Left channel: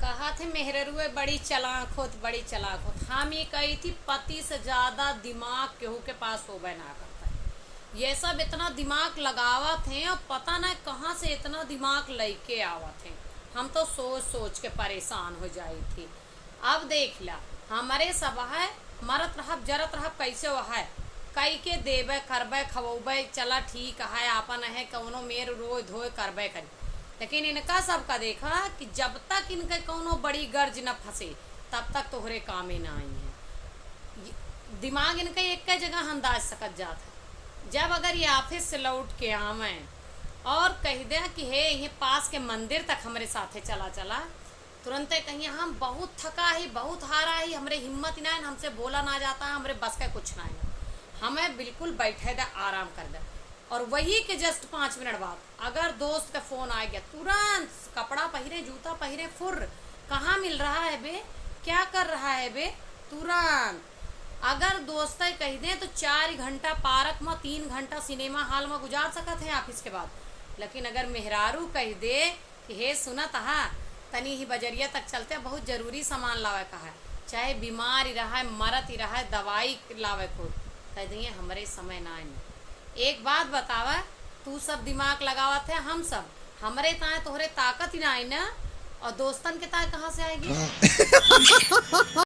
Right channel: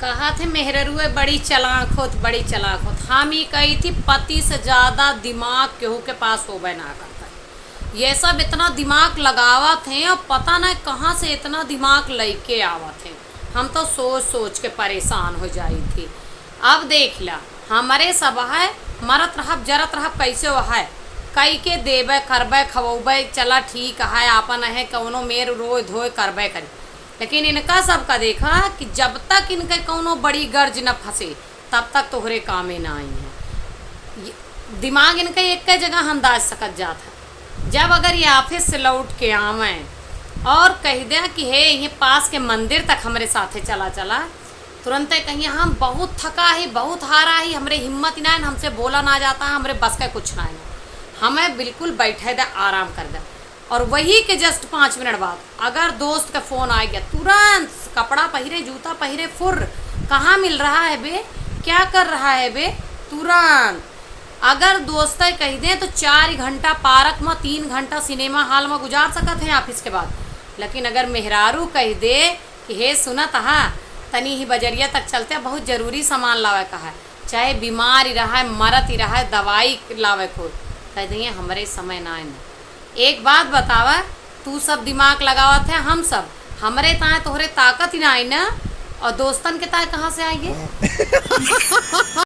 कहा थे मेहररुए बड़ी चालाक होत, बड़ी चालाक होत। हम ही कही थी पति से ज्यादा दिमाग केहू के पास होबे ना करता है। ये सब इतना दिमाग लगावत हैं और पता नहीं कहाँ से इतना दिमाग लेके आवत हैं। हम तो सोच सोच के परेशान हो जाई थी। अब देख ला हमारे सब है मरत रहब जरत रहब कैसे वो है कई के देबे करबे खवोबे चला ठीक है आपन है कौनो मेर रोए धोए करबे करी। लेकिन इनका सबका देखा कि जब तक इनके कौनो बड़ी गर्ज न फंसे तब तक तोहरे कामे ना आई हैं। दिमाग इनका एक जगह अंदाज सकत जात है। जब अगर ये ऑफिस से लौट के आवे और कह दे कि हे ये पास के मंदिर तक हमारे साथे चला चला, तुरंत कहीं हम बहुत थका ही बहुत हारा ही हमरे हिम्मत ना है, हमसे बोला ना जाता है, हमरे बस का कुछ ना है, हमें बिल्कुल बैठे दे आराम कर दे। और वही के जस्ट 5 मिनट बाद अगर दोस्त का फ़ोन आ गया तुरंत कपड़ा पहरे जूता पहरे फुर कहाँ मिल रहा है बे क्या कर रहा है बे तुरंत। अगर दोस्त कह दें तो 4 घंटा पार्क में 3 घंटा सिनेमा हॉल में गुजार सकते हैं ऑफिस के बाद। लेकिन अगर मेहरारू कह दे कि हे सुनत हा तनी ही बजरिया तक चलते बहुत ज़रूरी सामान लावे का है, चाहे बीमार ही रहा है मरत ही रहा है दवाई लावे को कह दिए हमारे समय ना है। एक बात बतावा तू सब दिमाग लगावत है हम सब हमरे ताए तोहरे ताकत ही ना आई ना और दोस्तन के ताए कहाँ से आएंगे।